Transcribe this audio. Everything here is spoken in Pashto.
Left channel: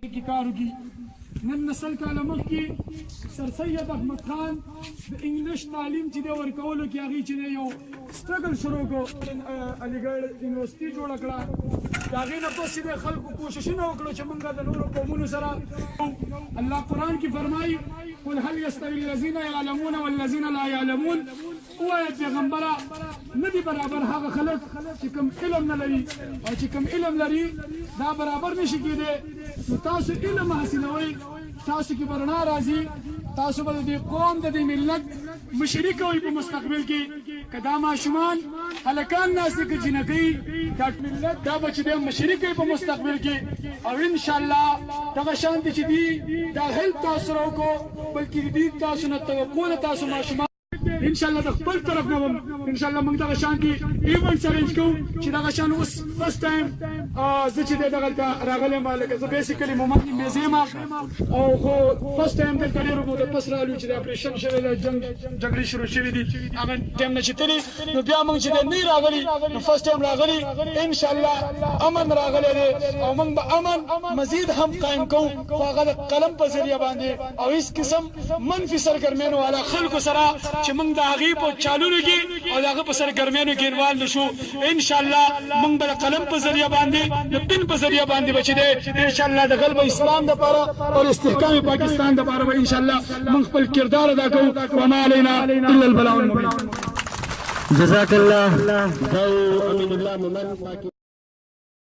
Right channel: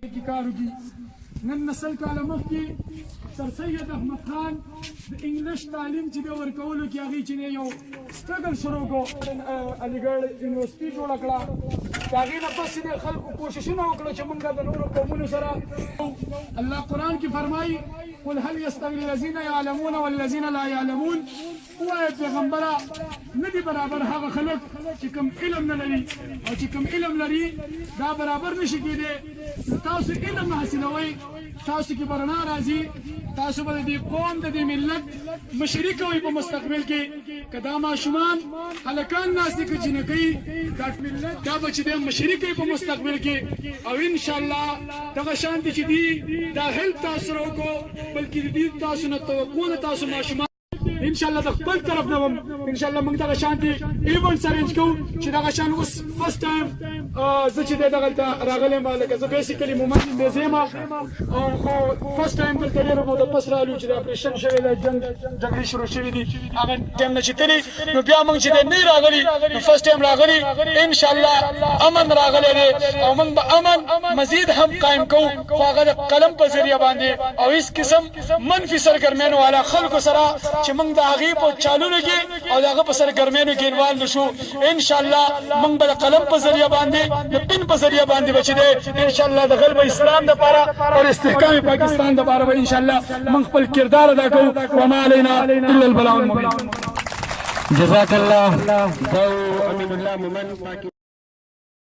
की कारू की नन नस्ल का लमक की सर सैयद अहमद खान इंग्लिश तालीम ची दे वर्कौलू की आगी ची दे यो स्ट्रगल शुरू को अलीगढ़ यूनिवर्सिटी जोड़ा कड़ा आगी न बस दे खल्क कोशिश न वकड़ो च मंगा द नूर कौमुन सरा अल्लाह कुरान की फरमाई कुल हल यस्तवी الذين يعلمون والذين لا يعلمون हुआ पैगंबरा नदी बराबर हाग खलक ची कम इल्म न लरी और ची कम इल्म लरी दा बराबर नशी की दे तासु इल्म हासिलवई तासु की बरना राजी तासु बद दे कौम द दे मिल्लत मशरिक होई په مستقبل کې قدامه شومان هلکان ناس دي جنکی دا ملت دا بچ دي مشرک په مستقبل کې او ان شاء الله دا شانتي چې دي دا هیلپ تاسو کو بلکې دې تاسو نه توقع تاسو ماشومان ان شاء الله د خپل طرف نه ان شاء الله موږ دا شانتي ایونت ارنج کوو چې دا شان اوس فرست ټایم زه چې دغه راغلی ما لکه زه بیسیکلی مومن میزیما او خو فرست ټایم دلته ډېرو مو د پس راغلو چې د اپریشن شوی د جګړې شروع شوې دي هغه ټایم نه چې تللی نو بیا موږ چې نه راغلي نو فرست ټایم راغلي ان شاء الله امن راغلی دی او موږ به امن مزید هم قایم کوو خو هغه د قلم په ذریعه باندې او هیڅ قسم منفي سرګرمیانو والا خلکو سره چې موږ د هغې په چالونو کې او د هغه په سرګرمیانو کې انوالو نشو ان شاء الله موږ به د قلم په ذریعه باندې د پن په ذریعه باندې بچی دی ان شاء الله د غلب اسلام دپاره او استحکام پاکستان دپاره به ان شاء الله موږ خپل کردار ادا کوو وما علینا الا البلاغ المبین جزاک الله. امین الله مومن